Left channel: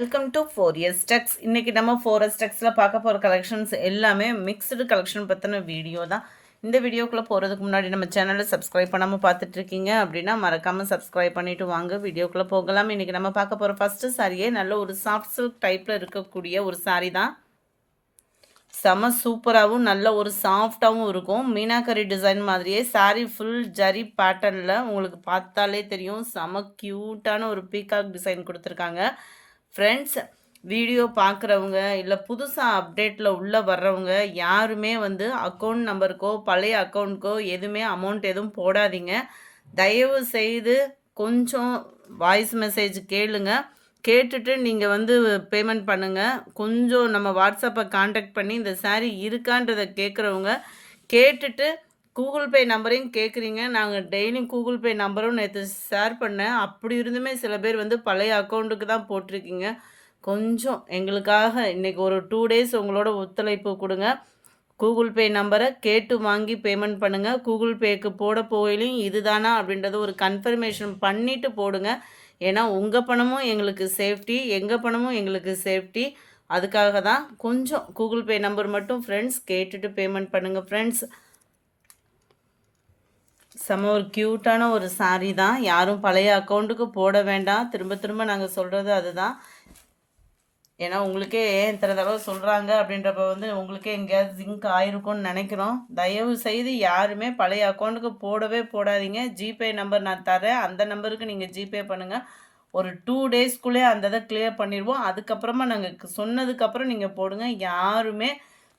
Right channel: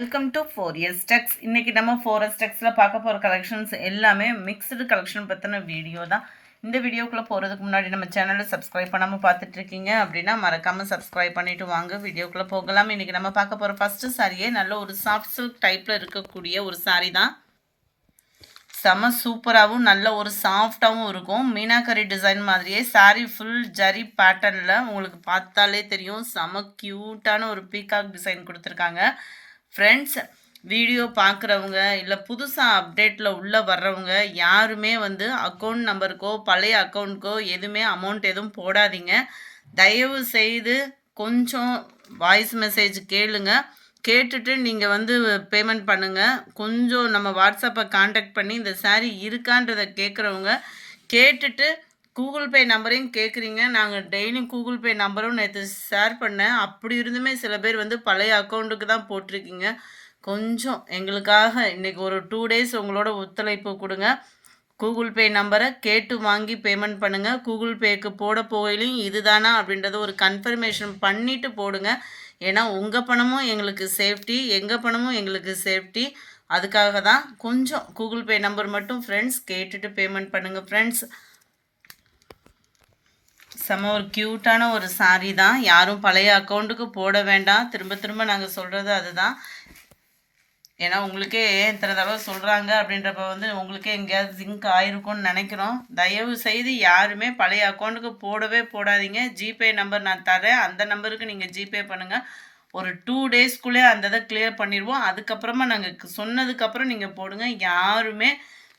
Welcome to 4S Tex. இன்னைக்கு நம்ம 4S Texல பார்க்க போகிற கலெக்ஷன்ஸ் எல்லாமே மிக்ஸ்டு கலெக்ஷன் பற்றின வீடியோ தான். இந்த வீடியோக்குள்ளே போகிறதுக்கு முன்னாடி நம்ம சேனலை சப்ஸ்கிரைப் பண்ணாமல் பார்த்துட்டு இருக்கீங்க அப்படின்னா மறக்காமல் சப்ஸ்கிரைப் பண்ணிவிட்டு வாங்க வீடியோக்குள்ளே போகலாம். இன்றைக்கி நம்ம பார்க்க போகிற ஃபஸ்ட்டு சாரியே நல்ல ஒரு சாஃப்ட் சில்க் டைப்பில் இருக்கக்கூடிய ஒரு சாரீ தான். செம சூப்பராகவும் நல்ல ஒரு சாஃப்டாகவும் இருக்கும். மீனாக்கரி டிசைன் மாதிரியே சாரீ ஃபுல் ஜரி பேட்டர்னில் உங்களுக்கு பார்த்தாலே தெரியும். செம க்யூட்டான ஒரு பீகாக் டிசைன் கொடுத்துருக்காங்க. ஃப்ரெண்ட்ஸ், வீடியோ பார்க்குறவங்க இல்லை புதுசாக அப்டேட்டில் உள்ளே வர்றவங்க யாருமே அக்கௌண்ட் நம்பருக்கோ பழைய அக்கௌண்ட்க்கோ எதுவுமே அமௌண்ட் எதுவும் போடாதீங்க. தயவு செய்து கொஞ்சம் வாய்ஸ் மெசேஜ் கேளுங்க. கேட்டுட்டு நீங்கள் பேமெண்ட் பண்ணுங்கள். கொஞ்சம் நம்ம வாட்ஸ்அப்பை காண்டாக்ட் பண்ணி இந்த சாரீ இருக்கான்றதை கேட்குறவங்க கேட்டுட்டு கூகுள் பே நம்பரையும் கேட்குறீங்க. நாங்கள் டெய்லியும் கூகுள் பே நம்பரும் நேற்று ஷேர் பண்ணேன். அப்படி இருந்துமே சில பேர் பழைய அக்கௌண்ட்டுக்கு தான் போட்டிருக்கீங்க. கொஞ்சம் எங்களுக்காக இன்றைக்கி ஒரு 2 டேஸ் உங்களோட ஒத்துழைப்பு கொடுங்க. கூகுள் பே நம்பரை கேட்டு வாங்கி பேமெண்ட் பண்ணுங்கள். கூகுள் பேக்கு போட போயிலையும் இதுதானா அப்படின்றத ஒரு கன்ஃபர்மேஷன் பண்ணிவிட்டு போடுங்க. ஏன்னா உங்கள் பணமும் எங்களுக்கு சேஃப்டி, எங்கள் பணமும் எங்களுக்கு சேஃப்டி. அதுக்காக தான் கொஞ்சம் கூகுள் பே நம்பர் மட்டும் ஃப்ரெண்ட்ஸ் கேட்டுட்டு பேமெண்ட் பண்ணுங்கள். ஃப்ரெண்ட்ஸ், செம்ம ஒரு க்யூட்டான ஒரு சாரீ தான். யாரும் பழைய அக்கௌண்ட்டுக்கு போட வேண்டாம். திரும்ப திரும்ப நாங்கள் சொல்கிறது அதுதான். ஏன்னா உங்களுக்கே இத்தனை தடவை சொல்கிறாங்க அப்படின்றப்ப உங்களுக்கே எங்கேயாவது ஜிங்க் ஆயிருக்கும்னு நினைக்கிறோம். தயவு செய்து யாருமே பழைய அக்கௌண்ட்டுக்கு போடவே போடாதீங்க. ஜிபே நம்பர் நான் தரேன், அந்த நம்பருக்கு நீங்கள் ஜிபே பண்ணுங்கள். ஒரு 2 டேஸ்க்குள்ளே அந்த இதை கிளியர் பண்ணிடுவோம். அதுக்கப்புறமா நாங்கள் சொன்னதுக்கப்புறம் நீங்கள் போடுங்க. யாருமே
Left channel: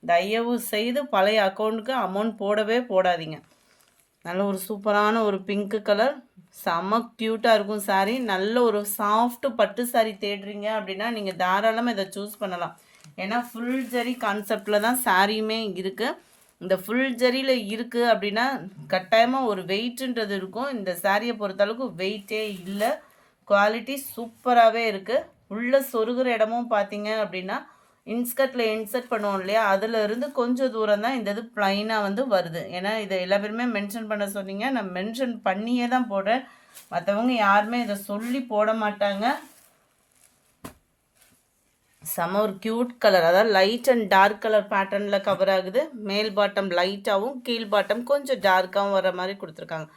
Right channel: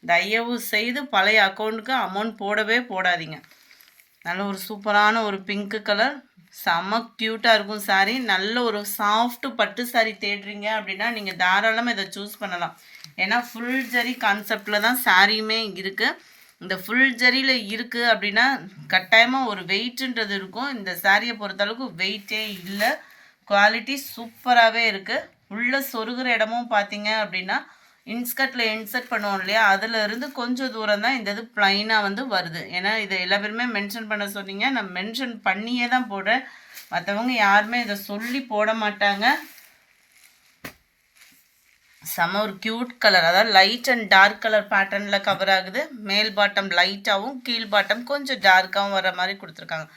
தயவு செய்து பழைய அக்கௌண்ட்டுக்கு அமௌண்ட் போடவே போடாதீங்க. நல்ல ஒரு சூப்பரான ஒரு பிங்க் கலர், செம்ம க்யூட்டாக இருக்கும் சாரீ. நல்ல ஒரு சாஃப்ட் பட்டு சாரீ தேடுறீங்க அப்படின்னா நீங்கள் தாராளமாக இதை சூஸ் பண்ணலாம். ஏன்னா ஃபுல் ஜரி கான்செப்டில் தான் சாரியுமே இருக்குது. இந்த ஃபுல் ஜரியில் இருக்குது அப்படின்னா கட்டாயமாக ஒரு வெயிட்டுன்றது இருக்கும். இந்த சாரியை பொறுத்தளவுக்கு வெயிட்டே இல்லை. குவாலிட்டி சூப்பராகவே இருக்குது. உள்ளே சொருகிற இடமும் பார்த்தீங்க அப்படின்னா இன்ஸ்கர்ட்டில் இன்சர்ட் பண்ணுவோம் இல்லையா, அதிலிருந்து கொஞ்சம் தூரம் தான் இந்த இது ப்ளைனாக வருது. ஏன்னா இதை எல்லா பேருமே மென்ஷன் பண்ண சொன்னீங்க. நான் மென்ஷன் பண்ணியே தான் போடுறேன். மற்றவங்க யாருமே இதை சொல்லி போட மாட்டாங்க. செம ஒரு க்யூட் கலர், அதாவது லைட் அண்ட் டார்க் கலர் பேட்டர்னில் கவர் ஆகுது. மேல் பாட்டம் லைட்டாகவும் கீழ் பாட்டம் கொஞ்சம் டார்க்காகவும் வர மாதிரி கொடுத்துருக்காங்க.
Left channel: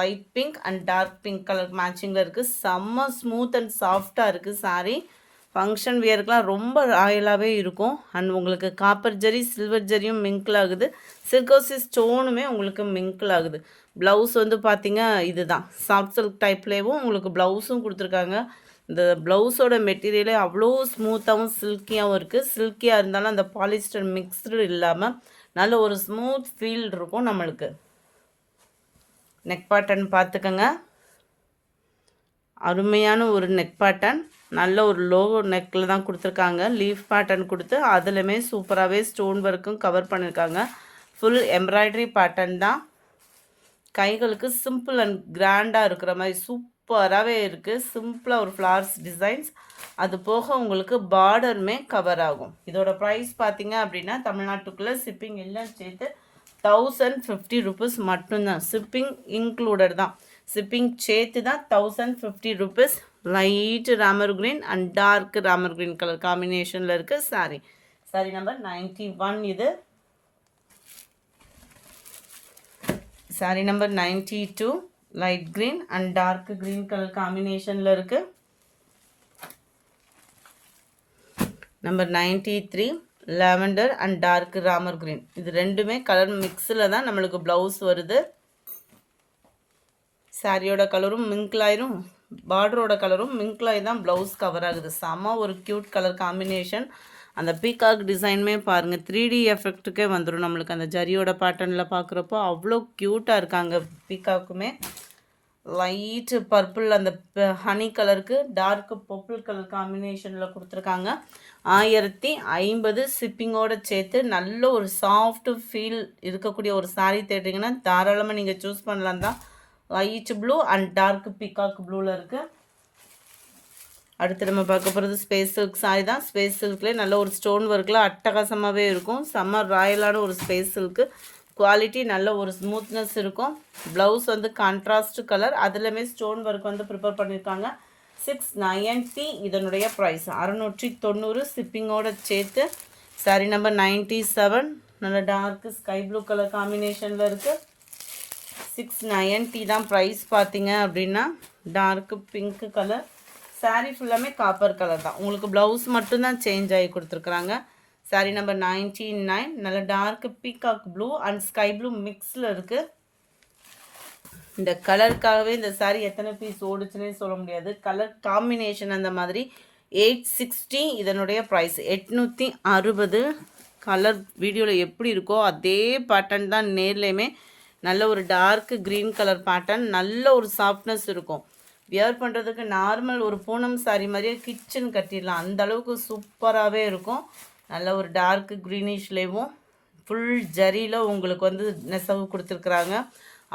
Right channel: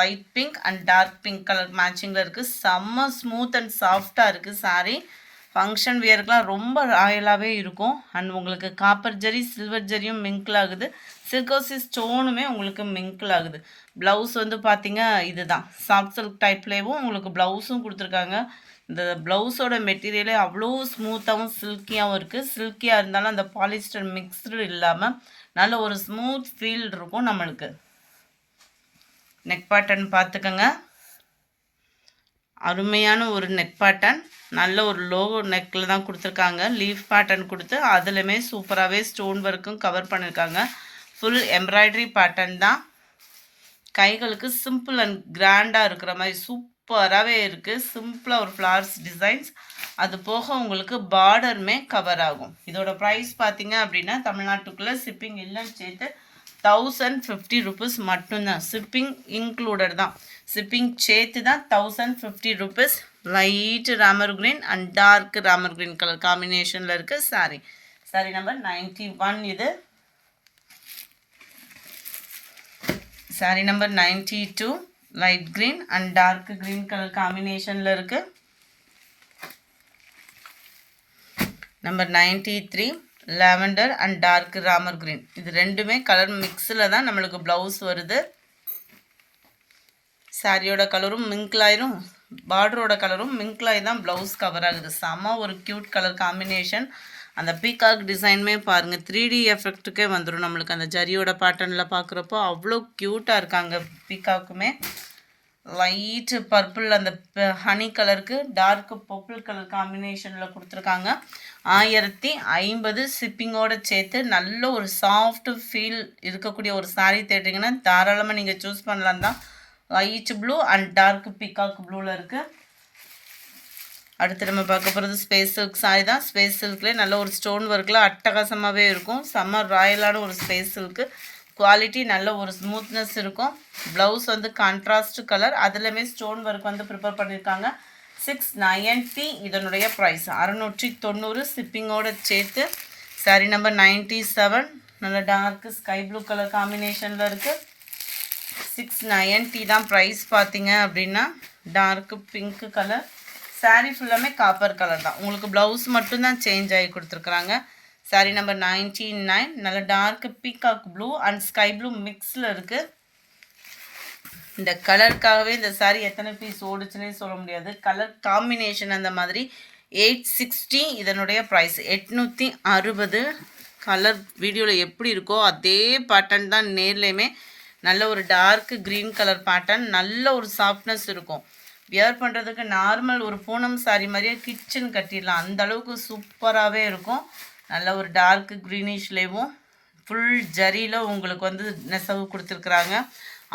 Light pink and dark pink colour மேட்சிங்கில் இருக்குது. செம்ம ஸ்மூத் அண்ட் சாஃப்டாக இருக்குது சாரீ. ஃபங்க்ஷன் வியருக்குலாம் ரொம்ப ராயலாகவே இருக்கும். அண்ட் உங்களுக்கு காப்பர் ஜரி சில்வர் ஜரியும் மிங்கிள் ஆகுது. சில்கோசி ஸ்டோனுமே உங்களுக்கு மிங்கிள் ஆகுது. ப்ளவுஸ் பார்த்தீங்க இதுதான் சாஃப்ட் சில்க் டைப்லேயும் உங்களுக்கு ப்ளவுஸும் கொடுத்துருக்காங்க. இந்த ப்ளவுஸோட மெட்டீரியலே அவ்வளோ ஸ்மூத்தாகவும் சில்கியாகவும் இருக்குது. சில்கியாக இருந்தாலும் அந்த பாலிஸ்டர் மிக்ஸ்டு இல்லாமல் நல்ல ஒரு ஸ்மூத் ஃபீல் இருக்கும் நம்மளுக்கு. நெக் பேட்டர்ன் பார்த்துக்கோங்க. அருமையான ஒரு நெக் பேட்டர்ன், நல்ல ஒரு லோகோ நெக்கில் தான் கொடுத்துருக்காங்க. லீஃப் பேட்டர்ன் கொடுத்து அதுலேயுமே சூப்பராகவே ஸ்டோன் ஒர்க்கும் கவர் பண்ணியிருக்காங்க. ஃபுல் எம்ப்ராய்டரி பேட்டர்ன் தான். கைகளுக்கு சிம்பிள் அண்ட் கிராண்டாக இருக்கிற மாதிரி சூப்பராகவே இருக்குது. சிம்பிளாக ஒரு ஃப்ளவர்ஸ் டிசைன்ஸ், அது போக உங்களுக்கு பார்டருமே கவர் ஆகும். இதோட ப்ரைஸ் பார்த்தீங்க அப்படின்னா தமிழ்நாட்டுக்குள்ளே ஷிப்பிங் எல்லாம் சேர்த்து 1050 rupees மட்டும்தான். ஷிப்பிங் இன்க்ளூடட் தான். ஷிப்பிங் சேர்த்து தான் 1050 rupees. Light Ramar green and dark Ramar green colour காம்பினேஷனில் இருக்குது சாரீ. சாரீ நம்பர் 91 இது. Sari number 92 light green and dark green colour காம்பினேஷனில் இருக்குது. Number 93 lavender and dark Ramar green. இது ரெண்டுமே கலர் மிக்ஸில் தான் நம்மளுக்கு ப்ளவுஸ் வருது. சாரியோட கலரும் மிங்கிளாயிரும், பார்டரோட கலரும் மிங்கிளாயி தான் ப்ளவுஸ் கவர் ஆகுது. செம்ம ஒரு க்யூட் கலர் காம்பினேஷன். அந்த பீகாக் டிசைனுமே பாருங்கள் 3D எஃபெக்ட்டுக்கே வந்துடும் நம்மளுக்கு. அந்த ஜரியோட பேட்டர்னில் பார்க்குறப்போ அவ்வளோ க்யூட்டாக இருக்காங்க பீகாக்குமே. லைட்டு பர்பிள் அந்த ஹனி கலருக்கு டார்க் பர்பிள் கலர் காம்பினேஷனில் கொடுத்துருக்காங்க. 1050 ஷிப்பிங்கோடு சேர்த்து நல்ல ஒரு சாஃப்ட் ஃபீல் இருக்கக்கூடிய ஒரு சாரீ தேடுறீங்கன்னா தாராளமாக நீங்கள் சூஸ் பண்ணலாம் தான். Light blue and dark peacock ப்ளூவில் இருக்குது. அடுத்து நம்ம பார்க்க போகிறது ஸ்பேஸ் சில்க் சாரி தான். ஸ்பேஸ் சில்க்லேயே நல்ல ஒரு ஸ்டோன் ஒர்க்கில் அட்டகாசமாகவே இருக்கும். செம்ம ராயலான ஒரு ஸ்பேஸ் சில்க்கு. குவாலிட்டி நல்ல ஒரு ஸ்மூத்னஸ் இருக்கும். ப்ளவுஸ் கான்ட்ராஸ்ட் கலர், அதுலேயுமே ஸ்டோன் ஒர்க் ப்ரிப்பேர் பண்ணியிருக்காங்க. 690 இதனுடைய ப்ரைஸ் 690 ஷிப்பிங்கோட சேர்த்து. சாரி நம்பர் 97 நல்ல டார்க் ஸ்கை ப்ளூ கலர் காம்பினேஷனில் இருக்குது. 690 தான் ப்ரைஸ் பார்த்தீங்க அப்படின்னா. டார்க் பிங்க் கலர் சாரீ ஃபுல்லாமே காப்பர் கலர் தான். உங்களுக்கு ப்ளவுஸ் மட்டும்தான் சேஞ்ச் ஆகி கொடுத்துருக்குறாங்க. சாரீ நம்பர் 99 நல்ல dark peacock blue and sky blue மிக்ஸில் இருக்குது. இந்த கலருக்காகவே இந்த சாரீ எத்தனை பீஸ் ஓடுச்சுன்னே சொல்ல முடியாது. கலர் காம்பினேஷன் அந்த மாதிரி. 860 இதனுடைய ப்ரைஸ் 860. கலர் வீடியோவில் எப்படி இருக்கோ அதே பேட்டர்ன் தான் நேர்லேயுமே. நல்ல ஒரு டார்க் க்ரீன் கலர் பேட்டர்ன், நல்ல ஒரு சாஃப்ட்னஸ் இருக்கும். வியர் பண்ணுறதுக்கு நார்மல் ஒரு பூனம் சாரீ மாதிரியே கிச்சன் கட்டிடலாம், அந்த அளவுக்கு சூப்பராகவே இருக்கும். நல்ல ஒரு டார்க் க்ரீனிஷ்லேயும் ஃபுல் ஜரியில் உங்களுக்கு வந்து நெசவு கொடுத்துருக்குறாங்க.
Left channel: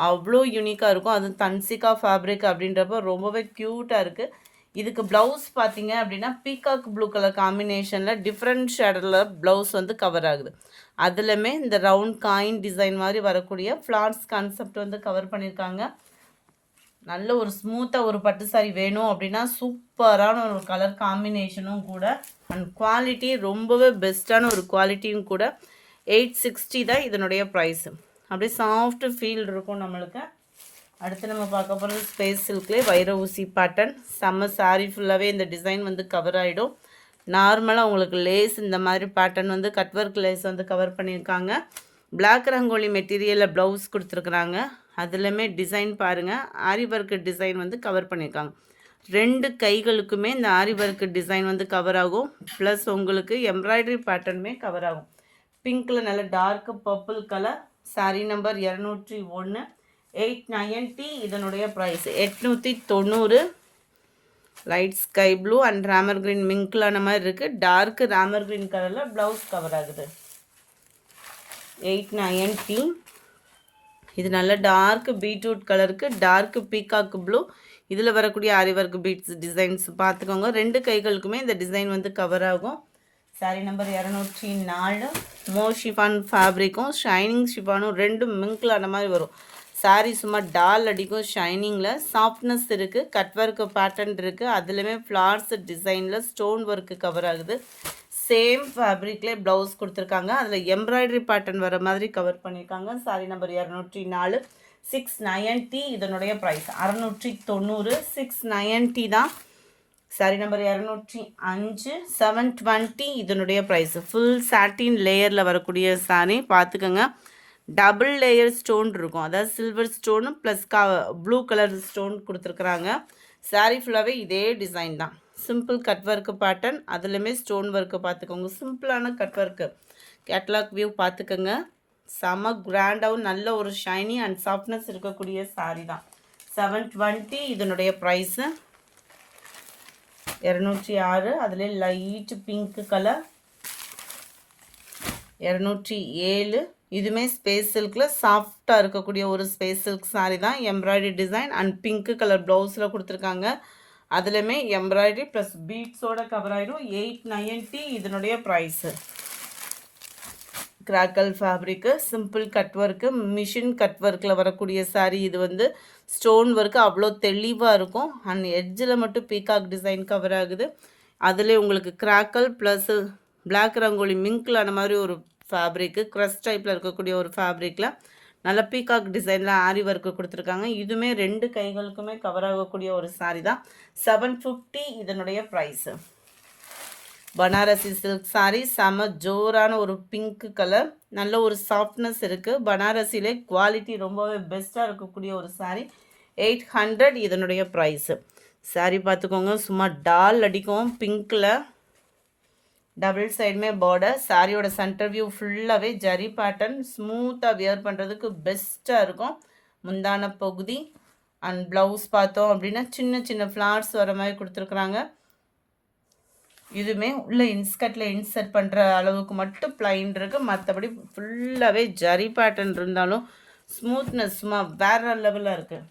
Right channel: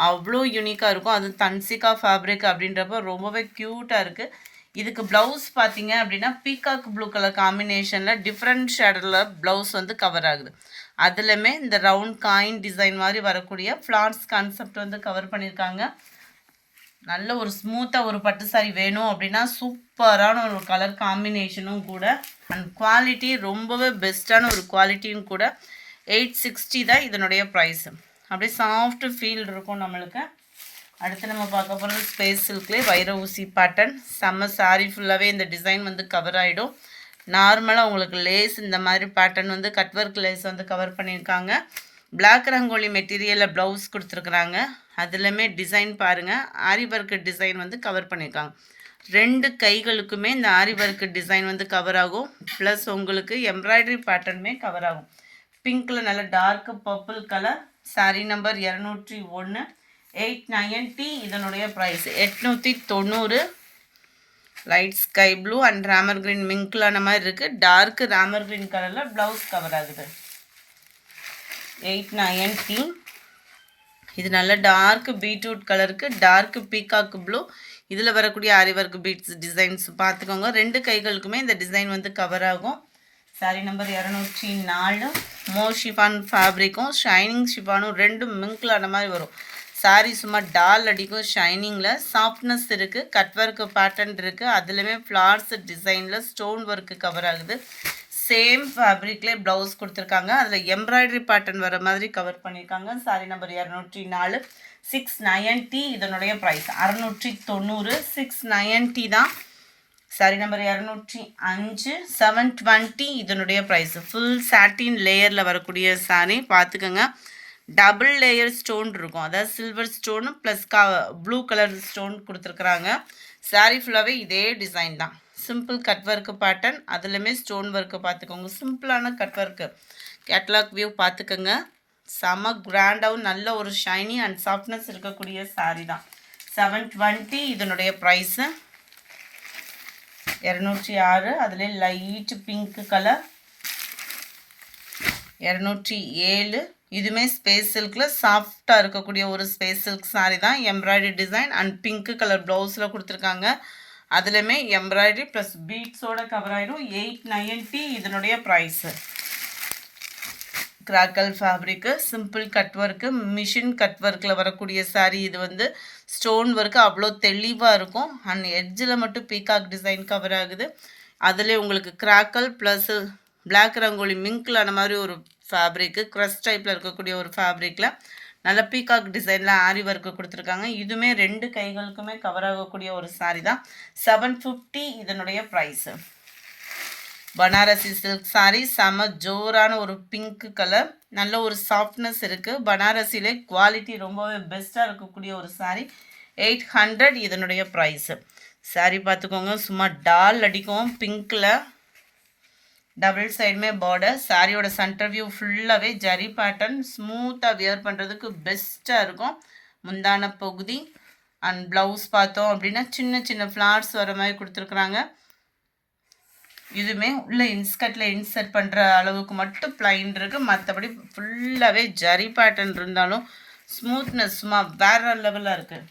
அவ்வளோ யூனிக்காக இருக்கும். அது தன்சிகா ஃபேப்ரிக் அப்படின்றப்ப ரொம்பவே க்யூட்டாக இருக்குது. இதுக்கு ப்ளவுஸ் பார்த்தீங்க அப்படின்னா பீகாக் ப்ளூ கலர் காம்பினேஷனில் டிஃப்ரெண்ட் ஷேடில் ப்ளவுஸ் வந்து கவர் ஆகுது. அதுலேயுமே இந்த ரவுண்ட் காயின் டிசைன் மாதிரி வரக்கூடிய ஃப்ளார்ஸ் கான்செப்ட் வந்து கவர் பண்ணியிருக்காங்க. நல்ல ஒரு ஸ்மூத்தாக ஒரு பட்டு சாரி வேணும் அப்படின்னா சூப்பரான ஒரு கலர் காம்பினேஷனும் கூட. அண்ட் குவாலிட்டி ரொம்பவே பெஸ்ட்டான ஒரு குவாலிட்டியும் கூட. 860 தான் இதனுடைய ப்ரைஸு. அப்படியே சாஃப்ட் ஃபீல் இருக்கும் நம்மளுக்கு. அடுத்து நம்ம பார்க்க போகிறது ஸ்பேஸ் சில்க்லேயே வைர ஊசி பேட்டர்ன். செம்ம சாரீ ஃபுல்லாகவே இந்த டிசைன் வந்து கவர் ஆகிடும். நார்மலாக உங்களுக்கு லேஸ் இந்த மாதிரி பேட்டர்ன் வந்து கட்வொர்க் லேஸ் வந்து கவர் பண்ணியிருக்காங்க. பிளாக் ரங்கோலி மெட்டீரியலில் ப்ளவுஸ் கொடுத்துருக்குறாங்க. அதுலேயுமே டிசைன் பாருங்கள், ஆரி ஒர்க்கு டிசைன் வந்து கவர் பண்ணியிருக்காங்க. 2 கைகளுக்குமே இந்த ஆரி ஒர்க்கு டிசைன் வந்து கவர் ஆகும். ப்ளஸ் உங்களுக்கு எம்ப்ராய்டரி பேட்டர்னுமே கவர் ஆகும். பிங்க்கில் நல்ல dark purple colour. Sari number 201 890 இதனுடைய price 890. Light sky blue and Ramar green மிங்க்லான மாதிரி இருக்குது. டார்க் ராமர் க்ரீன் கலரில் ப்ளவுஸ் கவர் ஆகுது. 890. இது நல்ல டார்க் பீட்ரூட் கலருக்கு டார்க் பீகாக் ப்ளூ. இதில் வரக்கூடிய ஆரி ஒர்க் பீட்ஸ் டிசைன்ஸ் பார்த்துக்கோங்க. 2 கைகளுக்குமே இந்த டிசைன் வந்து கவர் ஆகும். சாரீ நம்பர் 204 மோ ஷிஃபான் ஃபேப்ரிக்கும் ஷைனிங் ஷிஃபானும் 2 மிங்க்லான மாதிரி வரும். சாரீ சும்மா டால் அடிக்கும் ஷைனிங்கில். சாஃப்ட்னஸ் இருக்குது, கட் ஒர்க்கு பேட்டர்ன் இருக்குது. அதுலேயுமே ஃப்ளார்ஸ் டிசைனில் ஸ்டோன் ஒர்க்கு கவர் ஆகுது. சேம் ஃபேப்ரிக்லேயே ப்ளவுஸ் கொடுத்துருக்காங்க. அதில் எம்ப்ராய்டரி பேட்டர்ன் வர மாதிரி கவர் பண்ணியிருக்காங்க. சாரீ நம்பர் 204 690 இதனுடைய ப்ரைஸ் 690. 690 தான். சாரீ நம்பர் 205 720 இதனுடைய ப்ரைஸ். ஃபுல் சாட்டின் லேயரில் வரக்கூடிய சாரீ பார்த்துக்கோங்க. டபுள் லேயர் ஸ்டோன் இருக்கும், அதாவது silver stone plus blue colour stone கொடுத்துருக்குறாங்க. சாரீ ஃபுல்லாகவே இதே டிசைன் தான். சிம்பிள் கட் ஒர்க்கு பேட்டர்ன், அதுலேயுமே ஸ்டோன் ஒர்க்கு பார்த்துக்கோங்க. சிம்பிளான கட் ஒர்க்கு. கேட்லாக் வியூ பார்த்துக்கோங்க. செம கிராண்டாகவும் நல்ல ஒரு ஷைனி அண்ட் சாஃப்ட்னஸ் இருக்கக்கூடிய சாரீ தான். 720 இதனுடைய ப்ரைஸு. 206 அதிலே லைட் பிங்க் கலர். 207 இதுவுமே ஸ்பேஸ் சில்கில் சாஃப்டாக இருக்கக்கூடிய ஒரு ஸ்பேஸ் சில்க் சாரீ தான். Embroidery design and pink colour ப்ளவுஸில் கொடுத்துருக்காங்க. அதுலேயுமே எம்ப்ராய்டரி ப்ளஸ் பீட்ஸோட கவர் ஆகிடும். 890 இதனுடைய price. Crackle fabric simple cut work machine cut ஒர்க்கில் வரக்கூடிய சாரீ. இது வந்து ஸ்டோன் ஒர்க்கு அவ்வளோ தெளிவாக இருக்கும். அண்ட் எட்ஜில் மட்டும் பீகாக் டிசைன் கவர் ஆகுது. அதில் உங்களுக்கு கிராக்கல் ப்ளஸ் பிளாக் ரங்கோலி மிங்க்லான மாதிரி ஒரு ஃபேப்ரிக்கு க்ரஷ் டைப்பில் இருக்கக்கூடிய ஒரு ஃபேப்ரிக்கில் நல்ல பீகாக் டிசைனில் ஆரி ஒர்க்கு கொடுத்துருக்காங்க. இதுவுமே 2 கைகளுக்குமே கவர் ஆகக்கூடிய ஒரு சாரீ தான். 750 இதனுடைய ப்ரைஸு. பனாரசி சில்க் சாரீ செம ஜோரான ஒரு பிங்க் கலர். நல்ல ஒரு சாஃப்ட்னஸ் இருக்குது. பனாரசிலே குவாலிட்டி ரொம்பவே பெஸ்ட்டாக இருக்கக்கூடிய ஒரு சாரீ. 800 இதனுடைய ப்ரைஸு. சாரீ பார்த்துக்கோங்க, சும்மா டால் அடிக்கும் பிங்க்கில். டபுள் சைடுமே பார்டர். சாரியோட சென்டர் வியூ ஃபுல்லாகவே ஜரி பேட்டர்ன். ஸ்மூத்தாக வியர் பண்ணுறதுக்கு பெஸ்ட்டாக இருக்கும். முந்தான பகுதி அண்ட் ப்ளவுஸ் பார்த்தோம் அப்படின்னா சின்ன சின்ன ஃப்ளார்ஸ் வர மாதிரி கொடுத்துருக்குறாங்க. இதுவுமே உள்ள இன்ஸ்கர்ட்டில் இன்சர்ட் பண்ணுற அளவுக்கு மட்டும் பிளைன் இருக்குது. மற்றபடி ஃபுல்லாகவே ஜரி பேட்டர்ன் இருந்தாலும் ஸ்மூத்னஸ் சும்மா வேற லெவலில் இருக்குது.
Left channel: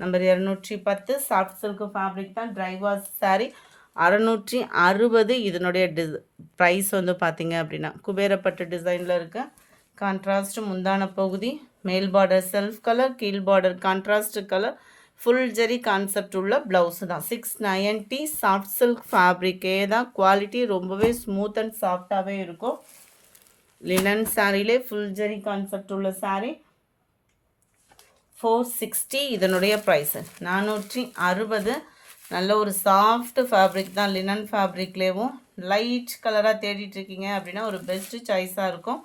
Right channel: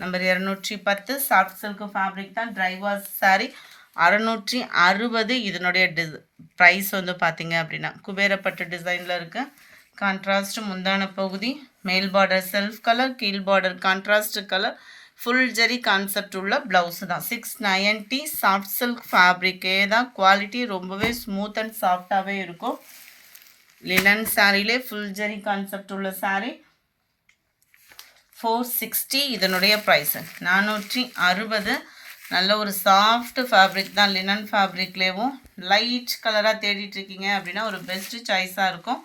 நம்பர் 210 சாஃப்ட் சில்க் ஃபேப்ரிக் தான். ட்ரை வாஷ் சாரீ 660 இதனுடைய ப்ரைஸ் வந்து பார்த்தீங்க அப்படின்னா குபேரப்பட்டு டிசைனில் இருக்குது. கான்ட்ராஸ்ட் முந்தான பகுதி. மேல் பார்டர் செல்ஃப் கலர், கீழ் பார்டர் கான்ட்ராஸ்ட் கலர். ஃபுல் ஜெரி கான்செப்ட் உள்ள ப்ளவுஸ் தான். 690 சாஃப்ட் சில்க் ஃபேப்ரிக்கே தான். குவாலிட்டி ரொம்பவே ஸ்மூத் அண்ட் சாஃப்டாகவே இருக்கும். லினன் சாரிலே ஃபுல் ஜெரி கான்செப்ட் உள்ள சாரீ 460. இதனுடைய ப்ரைஸு 460. நல்ல ஒரு சாஃப்ட் ஃபேப்ரிக் தான். லினன் ஃபேப்ரிக்லேயும் லைட் கலராக தேடிட்டுருக்கீங்க அப்படின்னா ஒரு பெஸ்ட்டு சாய்ஸாக இருக்கும்.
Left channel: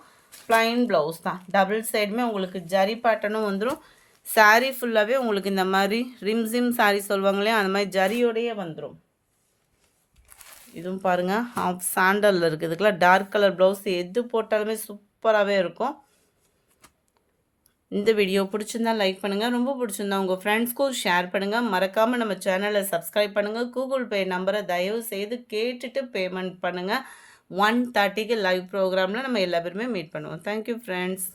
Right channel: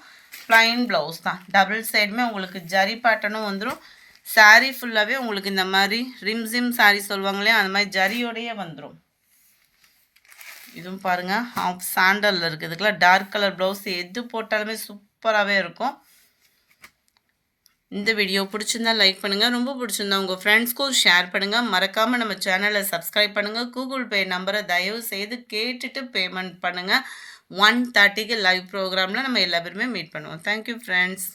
ப்ளைன் ப்ளவுஸ் தான். டபுள் சைடுமே உங்களுக்கு ஜரி பேட்டர்னும் வந்துடும். சாரீ ஃபுல்லாகவே உங்களுக்கு இந்த மாதிரி ரிம்ஸிம் சாரீ சொல்லுவாங்களே அந்த மாதிரி ஜரியோடையே வந்துடும். இதுவும் பாருங்கள் ஆஃப் சாண்டலில் இருக்குது. இதுக்கெல்லாம் டார்க் கலர் ப்ளவுஸ் எது போட்டாலுமே சூப்பராகவே இருக்கும். இந்த வீடியோ பிடிச்சிருந்தா லைக் பண்ணுங்கள். ரொம்ப பிடிச்சிருந்தா உங்கள் ஃப்ரெண்ட்ஸ்க்கும் ஷேர் பண்ணுங்கள். மறக்காமல் நம்ம சேனலை சப்ஸ்கிரைப் பண்ணுங்கள். கூகுள் பே நம்பரை தயவு செய்து கேட்டுட்டு பேமெண்ட் பண்ணுங்கள். 1:30க்கு லைவ் ப்ரோக்ராமில் நம்ம எல்லா பேருமே மீட் பண்ணுவோம். Thank you friends.